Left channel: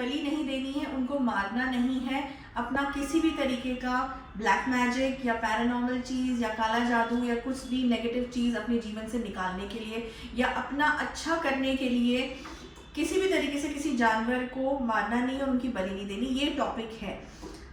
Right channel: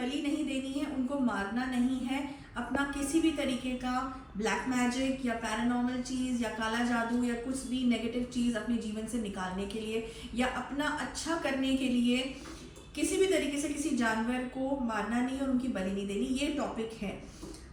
बलि नहीं देनी है, उनको मारना नहीं है, अपना किसी भी तरीके का ब्लैक मैजिक या पैरानॉर्मल चीज़ या काला जादू या कुछ भी नेगेटिव चीज़ अपने जीवन से निकालने के लिए या अपना अच्छा करने के लिए किसी भी तरीके से किसी जानवर को मारना नहीं और उनकी बलि नहीं देनी, ये टॉपिक है।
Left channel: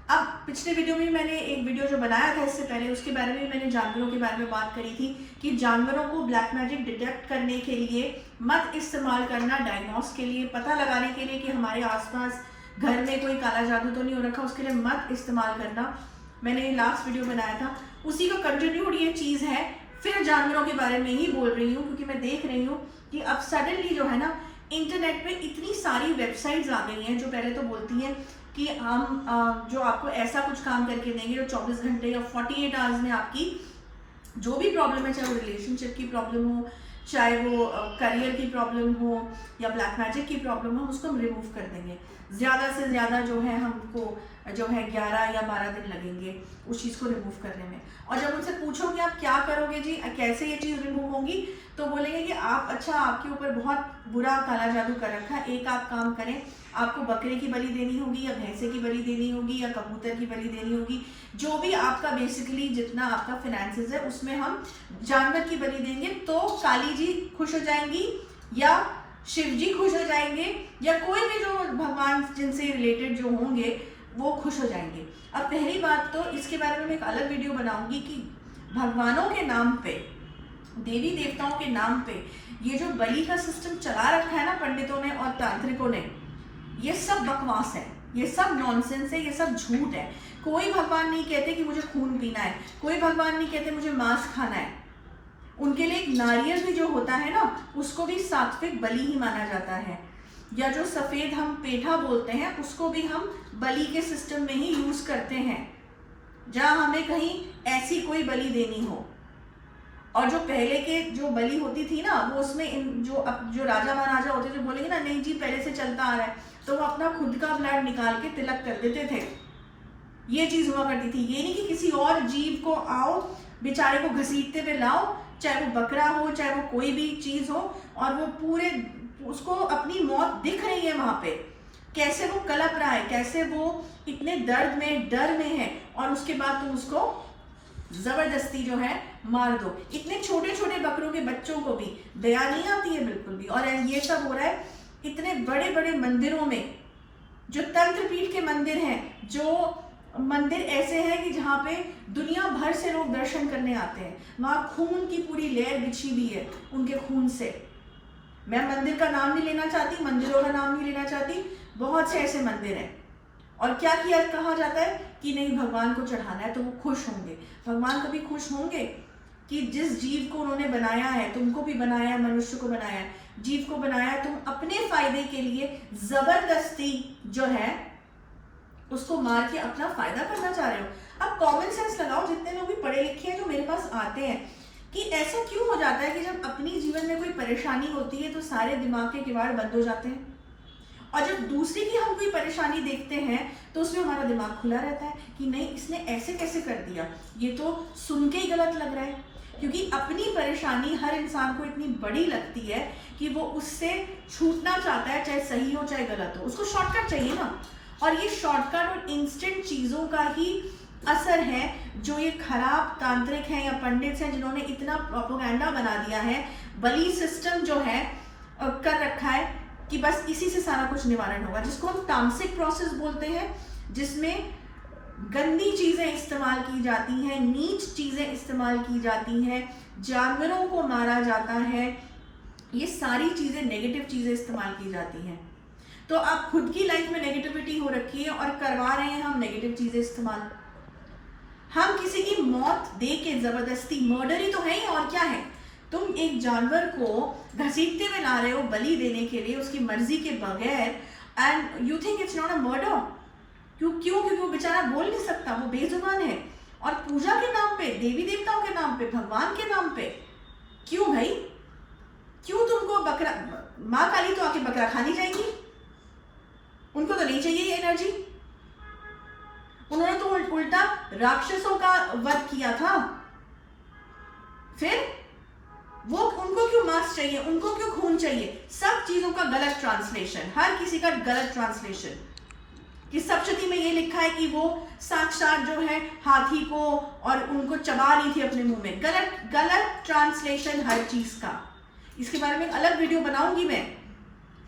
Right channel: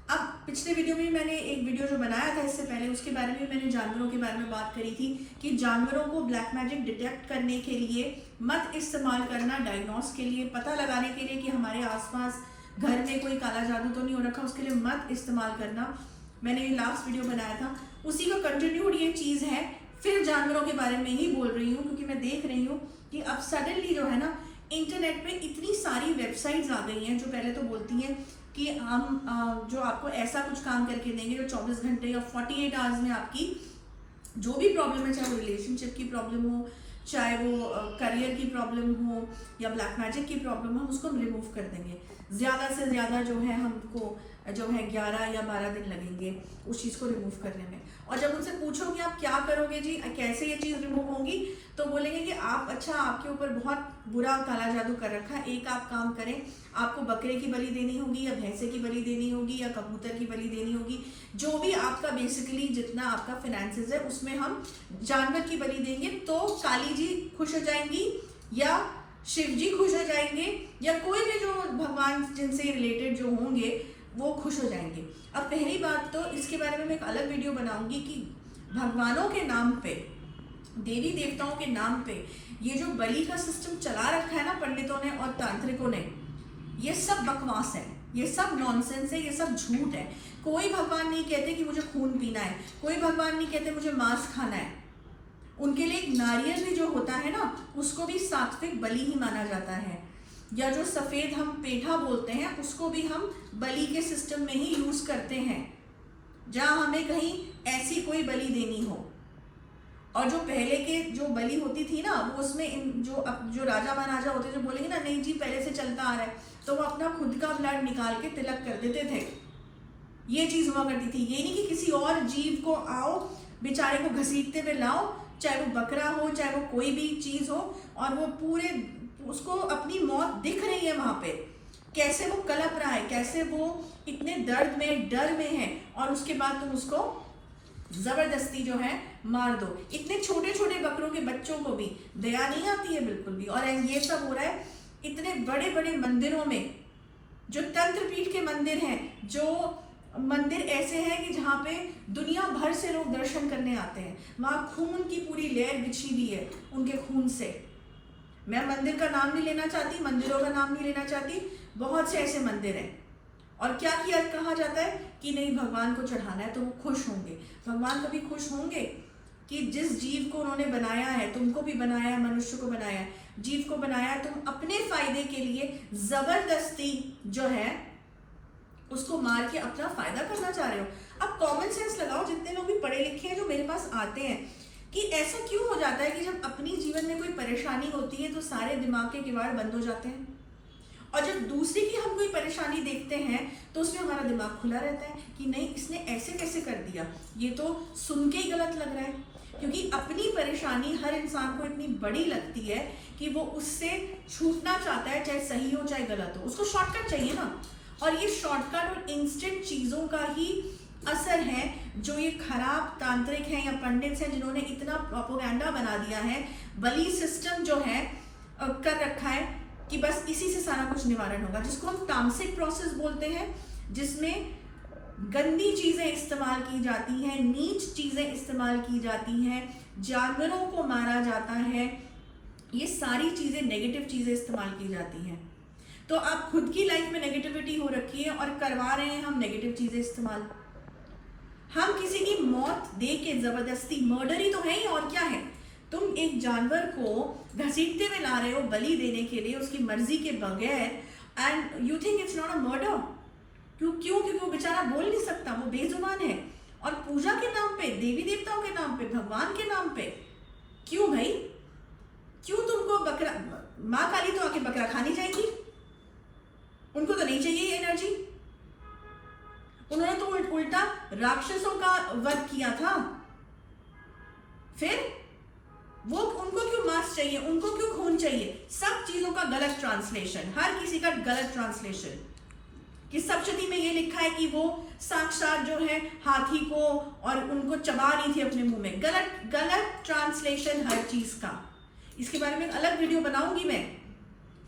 अब पिछले वीडियो में मैंने एक वीडियो जो बनाया था इससे पहले, उसके बारे में मैंने जानवरों के बारे में बात करी थी कि जानवरों को ब्लैक मैजिक डिटेक्ट करने के लिए मत इस्तेमाल करना, डायग्नोस के लिए, पता लगाने के लिए कि हमारे आसपास घर में कोई काला जादू तो नहीं हो रखा, उसके लिए मत इस्तेमाल करना। मैंने लास्ट वीडियो बनाया था, उसी का कंटिन्यूड ये चीज़ है। फिर जानवरों के बारे में ही बोल रही हूँ क्योंकि मैं देख रही हूँ कि अब सडनली जो है ना, इंटरनेट पे इतनी सारी वेबसाइट्स आ गई हैं जो पहले तो बोलती हैं कि हम जो आपको ऐसा कुछ काम करके देंगे जो 24 घंटे या 48 आवर्स में आपकी जो भी प्रॉब्लम है, चाहे वो रिलेशनशिप की प्रॉब्लम हो, चाहे वो करियर की प्रॉब्लम हो या ब्लैक मैजिक की प्रॉब्लम हो, उसको हम रिमूव कर देंगे। ज़्यादा से ज़्यादा जो है हमको जो है 11 या 12 दिन लगेंगे उस चीज़ को रिमूव करने में। और जब उनसे पूछो कि आप क्या करोगे जी, कैसे ये चीज़ रिमूव होगी, तो बोलेंगे कि आप अच्छा, आपके ऊपर बहुत बुरा काला जादू कर रखा है, एक आप काम करें, आपको बकरे की बलि देनी होगी या भैंसे की बलि देनी होगी या कबूतर की बलि देनी होगी, जो भी आपका बेसिकली जितना आपका फाइनेंसेस है उसमें हम जानवर की बलि देंगे तो काली जी खुश हो जाएंगी या शिव जी खुश हो जाएंगे या कोई भी जो भगवान जिनसे रिलेटेड जो होंगे वो खुश हो जाएंगे। अब पहली बात तो इसके बारे में मैं एक अलग वीडियो बनाऊंगी कि भगवानों के नाम पे, देवी देवताओं के नाम पे ये जो बलि का सिस्टम चला रखा है ना पंडितों ने और तांत्रिकों ने, ये सब बकवास है, ये सब नॉनसेंस है, ये सब झूठ है। कोई भगवान नहीं कहते कि मुझे खून पीना है, कोई भगवान नहीं कहते मुझे मांस खाना है। उनके लिए एक नारियल भी जो होता है ना, उसको भी सात्विक बलि ही माना जाता है। या जो सफेद हम पेठा बोलते हैं उसको भी हम बलि के सिस्टम में ही यूज करते हैं, जहां हमें कहीं ऐसी कोई बलि देनी हो। और जो पहले के जो बलि होती थी ना, वो उसमें जो राजा महाराजा होते थे बोलेंगे ना, नहीं जी पहले से चलता आ रहा है, तो वो अपना खुद का ब्लड निकाल के तिलक कर देते थे। ये चीज हुआ करती थी। ये नहीं कि किसी और जीव को आओ बेचारे को घसीटते हुए लाओ, चाहे वो बकरा हो चाहे वो कोई भी चीज हो, और वो पूरे उसको अपनी मौत दिख रही है वहां पे, कैसे वो कलप रहा है, कैसे वो इतने दर्द में डर में है, और उसके बाद तुम उसको जबरदस्ती जो है मार दो। इतने छोटे छोटे बकरों के बच्चों को भी दया नहीं आती है बिल्कुल भी। और ये सब हो रहा है इतने बड़े बड़े मंदिरों में, जो तंत्रपीठ के मंदिर हैं, जो मंदिर ऐसे हैं कि जहाँ पे दुनिया भर से लोग दर्शन करने आते हैं, वहां खून की पूरी लेयर बिछी हुई है उनके खून से। मैं मंदिर का नाम नहीं लेना चाहती, मंदिरों का नाम नहीं लेना चाहती, बहुत से ऐसे मंदिर हैं। और क्या किया कहा जाता है कि नहीं भगवान को चढ़ाना है तो वो खुश होंगे। भगवान कभी खुश होंगे कि जिस जीव को उन्होंने बनाया है, तुमको भी बनाया है, मनुष्य को बनाया है, जीव को बनाया है, तुम अपने फायदे के लिए जबरदस्ती जो है उसको मार के अपना फायदा करना चाह रहे हो। अब कॉमन सेंस लगाओ, जितने लोग भी पढ़े लिखे हैं जो मेरे पास आते हैं, कि ऐसा क्यों हो जाता है कि जब अपनी जीवन में कोई परेशानी होती है तो सारे दिमाग के किवाड़ बंद हो जाते हैं, और जब दूसरे की हम कोई परेशानी देखते हैं तो उसमें हमारा दिमाग खुला रहता है कि नहीं इसने ऐसे कैसे कर दिया, ये तो सुन के ही गलत लग रहा है। क्योंकि अपनी परेशानी हर इंसान को इतनी बड़ी लगती है कि वो उससे छूटना चाहता है, चाहे सही हो चाहे गलत हो, उसको शॉर्टकट चाहिए ना। और ये शॉर्टकट और इंस्टेंट चीजों का ही असर है जो ये खराब तांत्रिक हैं या पंडित हैं, जिन्होंने इतना प्रोपेगेंडा बना दिया है, बलि सिस्टम जो है कर रखा है कि बस इसी से सारा कुछ निवारण होगा, जिसको हम तामसिक प्रोसेस बोलते हैं, जिसमें गंदी चीजें इस्तेमाल की जाती हैं, नीच चीजें इस्तेमाल की जाती हैं, जानवरों को मारा जाता है, ये सारी चीजें नेगेटिव चीजें इस्तेमाल की जाती हैं। तो आप खुद की लाइफ में नेगेटिविटी हो रखी है और करवा रहे हैं हम नेगेटिव चीजें इस्तेमाल। हम किसी की मौत दे के जबरदस्ती, मर्डर ही तो है ही, और क्या है। तुम एक जानवर को घसीटते हुए ला रहे हो बलि देने के लिए उसकी मर्जी के बगैर, and you think it's not a murder. क्यों? क्योंकि वो बेचारा बोल नहीं सकता, वो बेजुबान है, और पूजा के नाम पे, देवी देवताओं के नाम पे, भगवान के नाम पे, क्यों भाई? क्यों तुमको बकरा, माँ काली तो आके बकरा खानी जाएंगी, उनको तो नहीं चाहिए ये एनर्जी। उन्होंने तो उल्टा राक्षसों का वध किया था, फिर वो उनको उनको क्यों मांस चाहिए, उनको क्यों खून चाहिए, सब चीजों का गलत ट्रांसलेशन, हर किसी का गलत ट्रांसलेशन। कि सप्तशती में ये लिखा है कि वो साक्षात जो है हाथी को और उनको चबा रही थी अपने मुंह में, गलत गलत ट्रांसलेशन हर चीज का। इसके बारे में एक अलग वीडियो बनाऊंगी मैं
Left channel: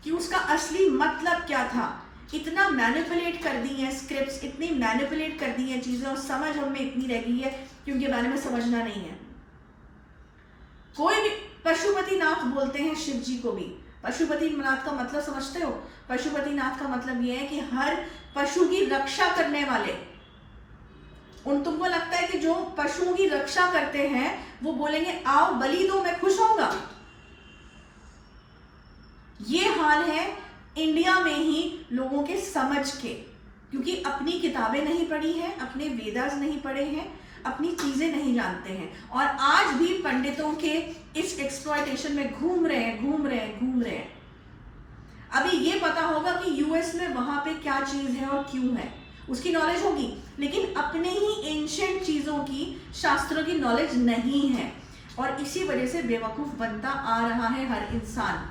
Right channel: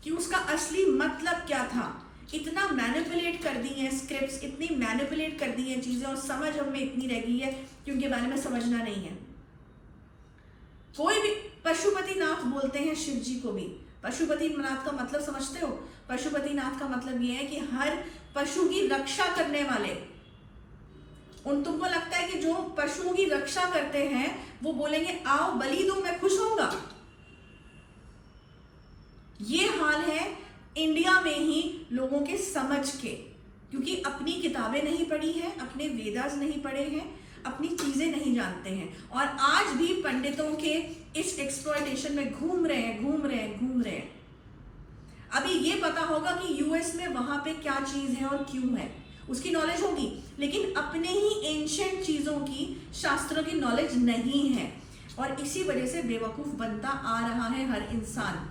कि उसका असली मतलब क्या था। इतना मैनिपुलेट कर दी है स्क्रिप्ट्स, इतनी मैनिपुलेट कर दी है चीजें, और समझ हम में इतनी रह गई है कि उनके बारे में समझना नहीं है। कोई भी पशुपतिनाथ बोलते हैं शिव जी को भी। पशुपतिनाथ का मतलब समझते हो? पशुपतिनाथ का मतलब ये है कि हर पशु की रक्षा करने वाले। तुमको लगता है कि जो पशुओं की रक्षा करते हैं वो बोलेंगे आओ बलि दो मैं खुश होऊंगा? ये हाल है इंडिया में ही लोगों के समझ के, क्योंकि अपनी किताबें नहीं पढ़ी हैं, अपने वेदास नहीं पढ़े हैं, अपनी चीजें नहीं जानते हैं, और आज भी पंडितों के इस एक्सप्लॉयटेशन में घूम रहे हैं। अभी ये पता होगा कि यूएस में वहां पे क्या चीज है और क्यों है, उसकी नॉलेज होगी, लेकिन अपने ही एंशिएंट चीजों की, शास्त्रों की नॉलेज नहीं है, और इसी वजह से बेवकूफ बनता आ रहा है हर इंसान।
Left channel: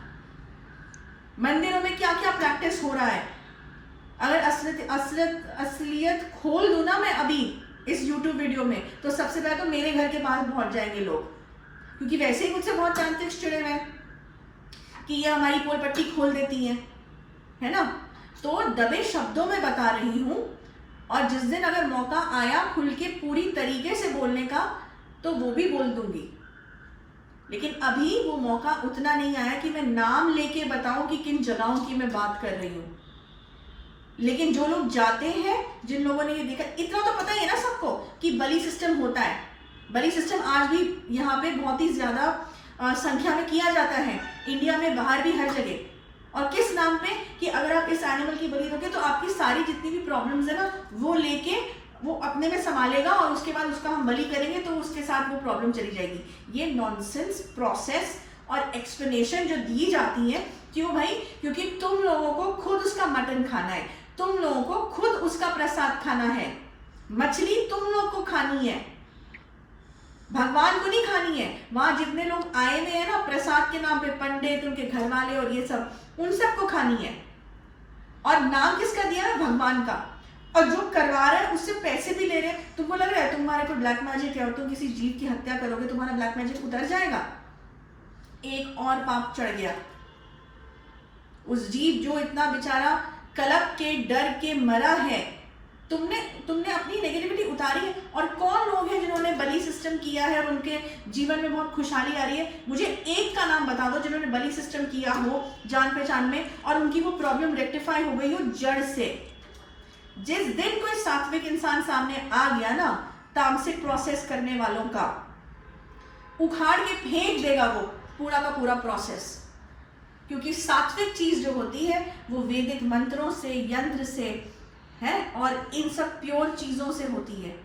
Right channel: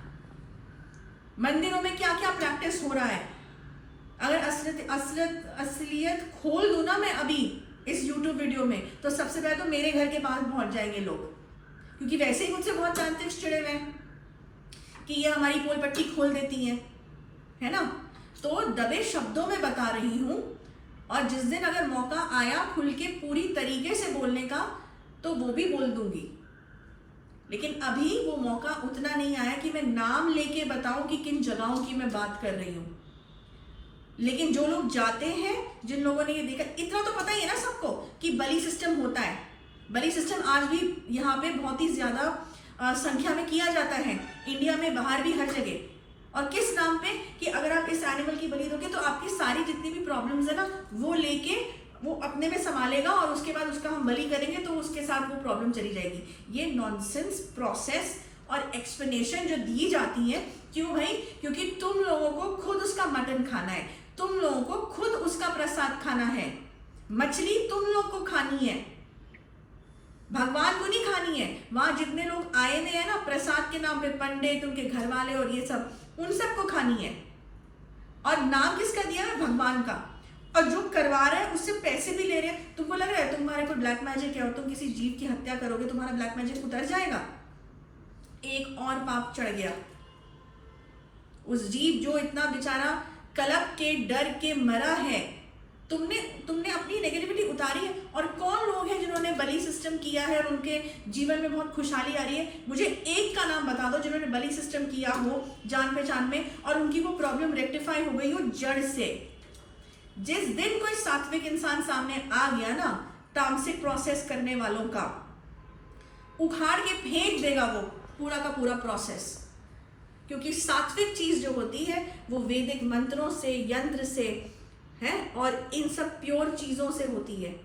मंदिरों में क्या क्या प्रैक्टिस हो रहा है, अगर असलियत खोल दूं ना मैं अभी इस YouTube वीडियो में, तो सबसे पहले तो मेरे घर के पास पहुंच जाएंगे लोग, क्योंकि वैसे ही मुझसे बहुत तांत्रिक चिड़े हुए हैं कि ये हमारी पोल पट्टी खोल देती हैं, है ना। तो दबे शब्दों में बता रही हूं, और जिस दिन अगर मौका आया खुल के पूरी तरीके से बोलने का तो वो भी बोल दूंगी, लेकिन अभी वो मौका उतना नहीं आया कि मैं नाम लेके बताऊं कि किन जगहों की मैं बात कर रही हूं। लेकिन जो लोग जाते हैं, जिन लोगों ने ये देखा, इतना तो पता ही है ना सबको कि बलि सिस्टम होता है। बलि सिस्टम आज भी यहाँ पे बहुत ही ज्यादा संख्या में किया जाता है, इंडिया में, बाहर भी, हर जगह। और किस नाम पे कि अगर आप इस एनिमल की बलि दोगे तो आपकी सारी जितनी भी प्रॉब्लम्स है ना वो लेके वो अपने में संभालेगा, और उसके बाद उसका हम बलि करेंगे तो उसके साथ वो प्रॉब्लम चली जाएगी। ये नॉनसेंस प्रोसेस और एक्सप्लेनेशन जो दी जाती है, क्यों भाई? क्योंकि तुम लोगों को खुद उसका मटन खाना है, तुम लोगों को खुद उसका प्रसाद खाना है, मछली तुम लोग को खानी है, भगवान को नहीं खानी है। वहां जितने लोग आए हुए हैं ना प्रसाद के नाम पे, पंडित, उनके घर वाले और ये सब, उन सबको खानी है। और नाम किसका दिया है? भगवान का। और जो करवा रहे हैं उससे पैसे भी ले रहे हैं। तुमको लग रहा है तुम्हारे को ब्लैक मैजिक है और तुम किसी जीव की हत्या करोगे तुम्हारा ब्लैक मैजिक उतर जाएगा? एक और पाप चढ़ गया। उस जीव जो इतना बेचारा कलप के डर के मरा है, तुमने अपनी नेगेटिविटी उतारी है। और कौन लोग हैं जिन्होंने बलि सिस्टम किया है और उनके जीवन में बहुत खुशहाली आ रही है? मुझे एक का नाम बता दो जिन्होंने बलि सिस्टम किया हो जान पहचान में और उनकी वो प्रॉब्लम रेक्टिफाई हो गई हो जड़ से। जिस दिन कोई सात्विक इंसान सामने आ गया ना, तामसिक प्रोसेस करने वालों का, उखाड़ के फेंक देगा वो पूरा का पूरा प्रोसेस। क्योंकि सात्विक चीज जो होती है वो वैदिक मंत्रों से, यंत्र से है, और इन सब प्योर चीजों से होती है।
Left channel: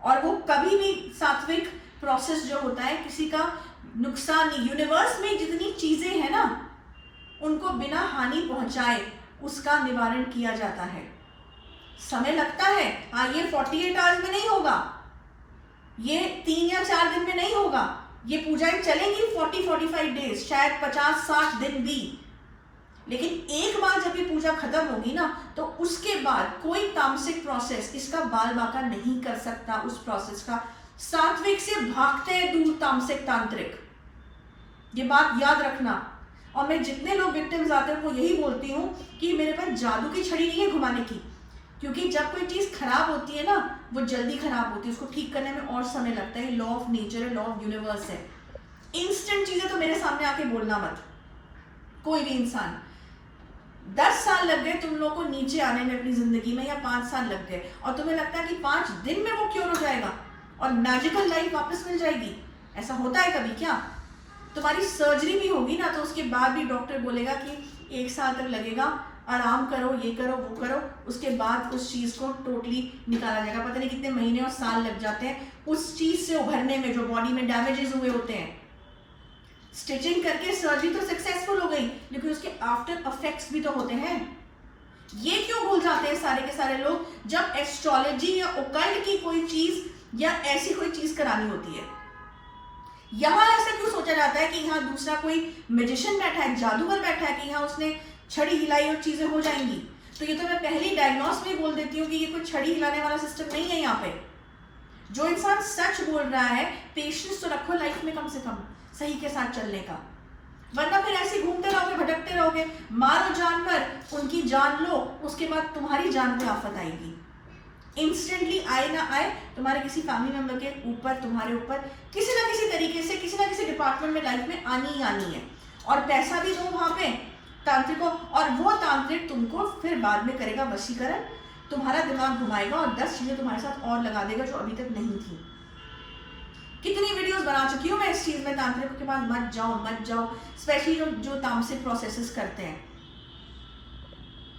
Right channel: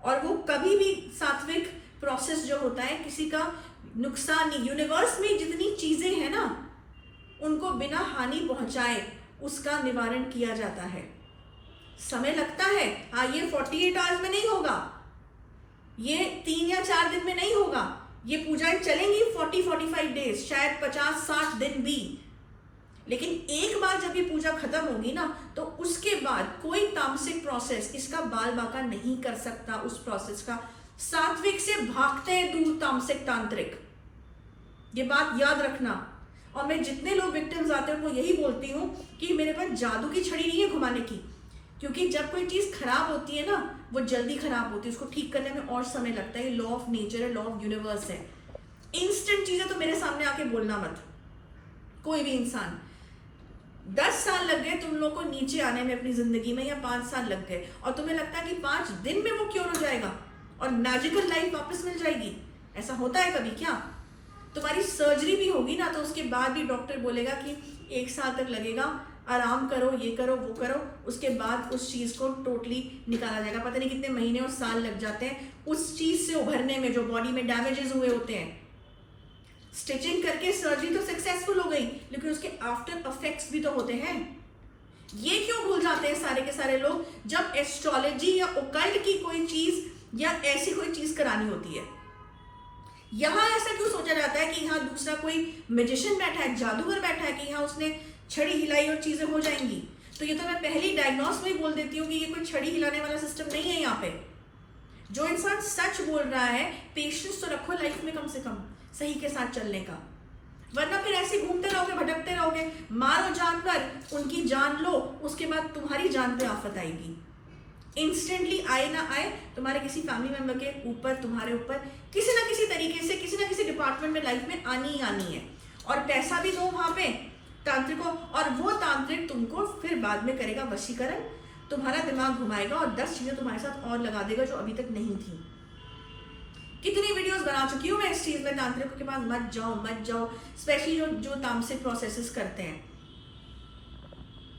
और वो कभी भी सात्विक प्रोसेस जो होता है किसी का नुकसान नहीं। यूनिवर्स में जितनी चीजें हैं ना उनको बिना हानि पहुंचाए उसका निवारण किया जाता है। समय लगता है, हाँ, ये 48 आवर्स में नहीं होगा, ये 3 या 4 दिन में नहीं होगा। ये पूजाएं चलेंगी 40-45 डेज, शायद 50-60 दिन भी। लेकिन एक बार जब ये पूजा खत्म होगी ना तो उसके बाद कोई तामसिक प्रोसेस इसका बाल बाका नहीं कर सकता उस प्रोसेस का। सात्विक से भागते हैं दूर तामसिक तांत्रिक, ये बात याद रखना। और मैं जितने लोग विक्टिम्स आते हैं उनको यही बोलती हूँ कि मेरे पास जादू की छड़ी नहीं है घुमाने की, क्योंकि जब कोई चीज खराब होती है ना वो जल्दी खराब होती है, उसको ठीक करने में और समय लगता है। लॉ ऑफ नेचर है, लॉ ऑफ यूनिवर्स है। इंस्टेंट चीजें तो मेरे सामने आके बोलना मत, कोई भी इंसान। 10 साल लग गए तुम लोगों को नीचे आने में अपनी जिंदगी में, या 5 साल लग गए, और तुम्हें लगता है कि 5 दिन में वो क्यों हो जाएगा और मैजिकल लाइफ वापस मिल जाएगी? ऐसा होता है कभी क्या? तुम्हारी सर्जरी भी होगी ना तो उसके बाद भी डॉक्टर बोलेगा कि 1 साल तक लगेगा, आराम करो, ये करो, वो करो, उसके बाद उस चीज को टोटली निकाला जाएगा। पता नहीं कितने महीने और साल लग जाते हैं उस चीज से उभरने में जो बॉडी में डैमेजेस हुए होते हैं। स्टिचिंग करके सर्जरी तो सक्सेसफुल हो गई, लेकिन उसके आफ्टर इफेक्ट्स भी तो होते हैं। ये क्यों भूल जाते हैं सारे के सारे लोग जब एस्ट्रोलॉजी या ओकल्ट की कोई चीज या ऐसी कोई चीज करानी होती है? यहाँ ऐसा क्यों सोचा जाता है कि यहाँ दूसरा कोई मैजिशियन बैठा है, जादूगर बैठा है, कि यहाँ उसने छड़ी हिलाई और चीजें हो जाएंगी? तो ये तो मैं पहले ही डायग्नोस में बोल देती हूँ कि ये कोई छड़ी हिलाने वाला सिस्टम नहीं है यहाँ पे। जो इंसान सच बोल रहा है, पेशेंस तो रखो लाइफ में कम से कम सही के साथ चलने का, वरना फिर ऐसे घूमते रहोगे, भटकते रहोगे। मारो जानवर, उनकी जान लो, उसके बाद तुम्हारी जान पे आफत आएगी। इंस्टेंटली आए ना आए, तुम्हारे किसी फैमिली मेंबर के ऊपर, तुम्हारे ऊपर किसी ना किसी तरीके से, किसी ना किसी डिपार्टमेंट में लाइफ में आनी ही आनी है। और पैसा भी दो वहां पे तांत्रिकों, और वो तांत्रिक तुमको फिर बाद में करेगा वशीकरण, तुम्हारा दिमाग घुमाएगा और 10 चीजें तुम्हारे साथ और लगा देगा जो अभी तक नहीं थी। कितनी वीडियोस बना चुकी हूँ मैं इस चीज में, तांत्रिकों के पास मत जाओ मत जाओ, स्पेशली जो तामसिक प्रोसेसेस करते हैं।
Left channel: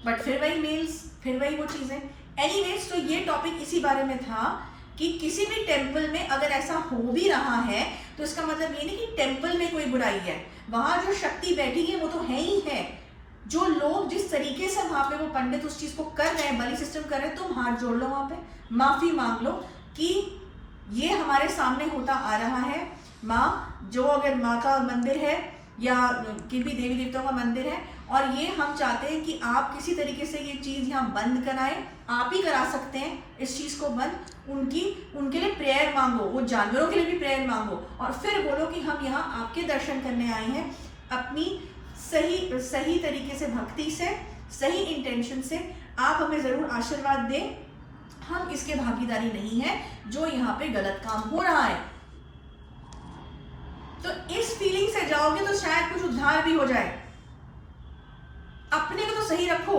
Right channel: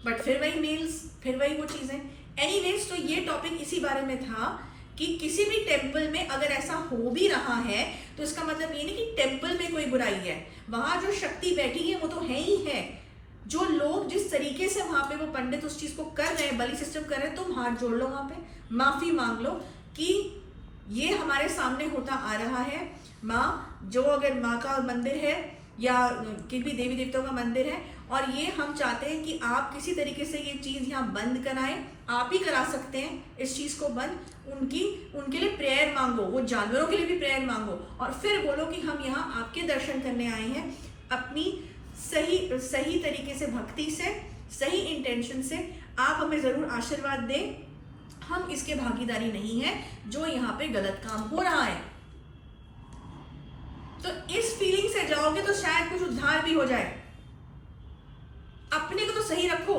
बट फिर वही मेल्स, फिर वही वो चीजें। एनीवेज, तो ये टॉपिक इसी बारे में था कि किसी भी टेम्पल में अगर ऐसा हो भी रहा है तो इसका मतलब ये नहीं कि टेम्पल में कोई बुराई है। वहां जो शक्ति बैठी है वो तो है ही है। जो लोग जिस तरीके से वहां पे वो पंडित उस चीज को कर रहे हैं, बलि सिस्टम कर रहे हैं, तुम हाथ जोड़ लो वहां पे, माफी मांग लो कि ये हमारे सामने होता आ रहा है। माँ, जो अगर माँ का मंदिर है या किसी भी देवी देवताओं का मंदिर है और ये हम चाहते हैं कि आप किसी तरीके से ये चीज़ यहाँ बंद कराएं, आप ही करा सकते हैं इस चीज़ को बंद। उनके लिए प्रेयर मांगो, वो जानवरों के लिए भी प्रेयर मांगो, और फिर बोलो कि हम यहाँ आपके दर्शन करने आए हैं, अपनी सही तरीके से, भक्ति से, सही इंटेंशन से। आप हमें ज़रूर आशीर्वाद दें, हम इसके भागीदारी नहीं है जो यहाँ पे गलत काम हो रहा है। तो इस फीलिंग से जाओगे तो शायद कुछ उद्धार भी हो जाए। अपने को तो सही रखो,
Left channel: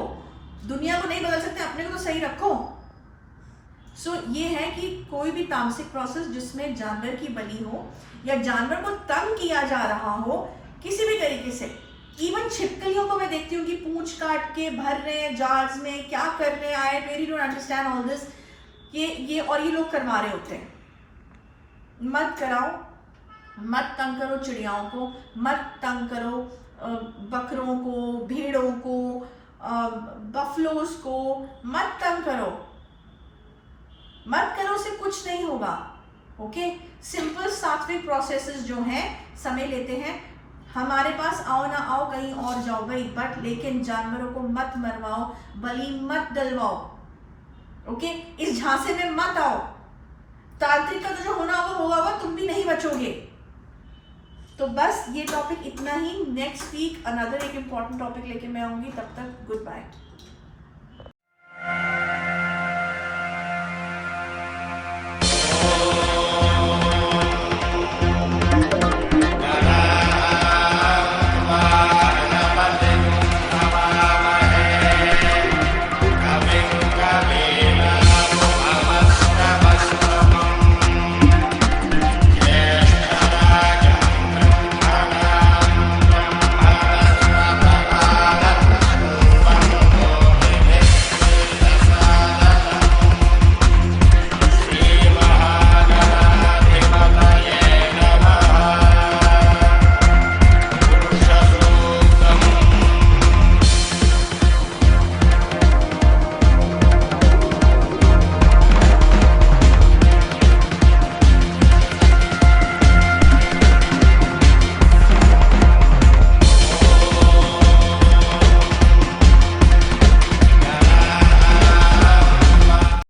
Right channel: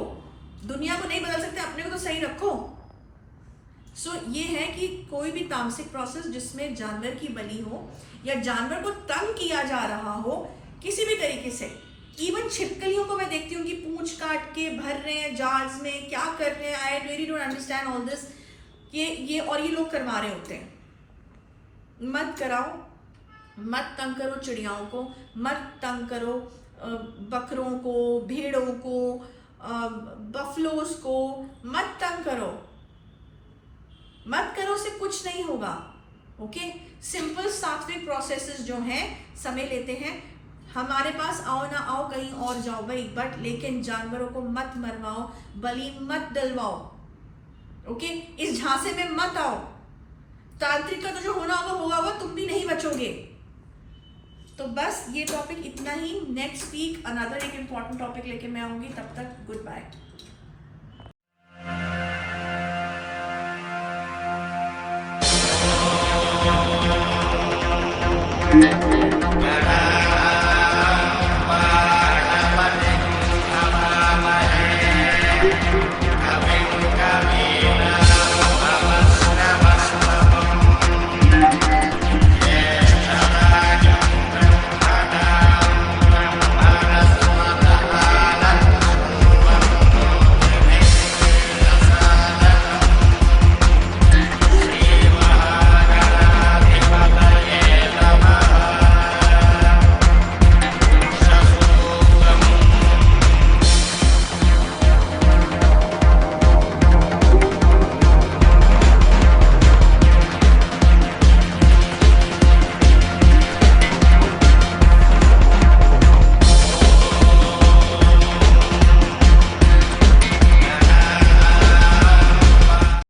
दुनिया को नहीं बदल सकते, अपने को तो सही रखो। सो ये है कि कोई भी तामसिक प्रोसेस जिसमें जानवर की बलि हो या जानवर को तंग किया जा रहा हो किसी भी तरीके से, इवन छिपकलियों को मैं देखती हूँ कि पूंछ काट के भर रहे हैं जार्स में, क्या कर रहे हैं, I really don't understand all this. ये लोग करवा रहे होते हैं। मत कराओ, मत तंग करो चिड़ियाओं को, मत तंग करो बकरों को, भेड़ों को, बफलोस को, मत तंग करो, मत करो, उससे कुछ नहीं होगा। ओके, सिंपल सात्विक प्रोसेसेस जो हैं समय लेते हैं। हमारे पास आओ ना आओ, कहीं और जाओ भाई, बट लेकिन जानवरों को मत मरवाओ, बलि मत डलवाओ। ओके, इस झांसे में मत आओ। तांत्रिक का तो जो होना होगा, तुम भी नहीं बचोगे। तो बस ये टॉपिक इतना ही। नेक्स्ट वीक अनदर एक इम्पॉर्टेंट टॉपिक लेके मैं आऊंगी। तब तक गुड बाय।